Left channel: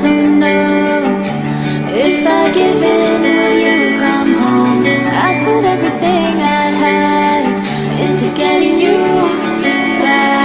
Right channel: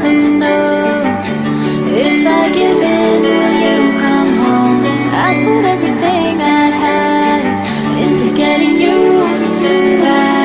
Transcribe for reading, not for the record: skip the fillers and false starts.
some notes. If I give in, will you come home? I put everything I had into getting you back.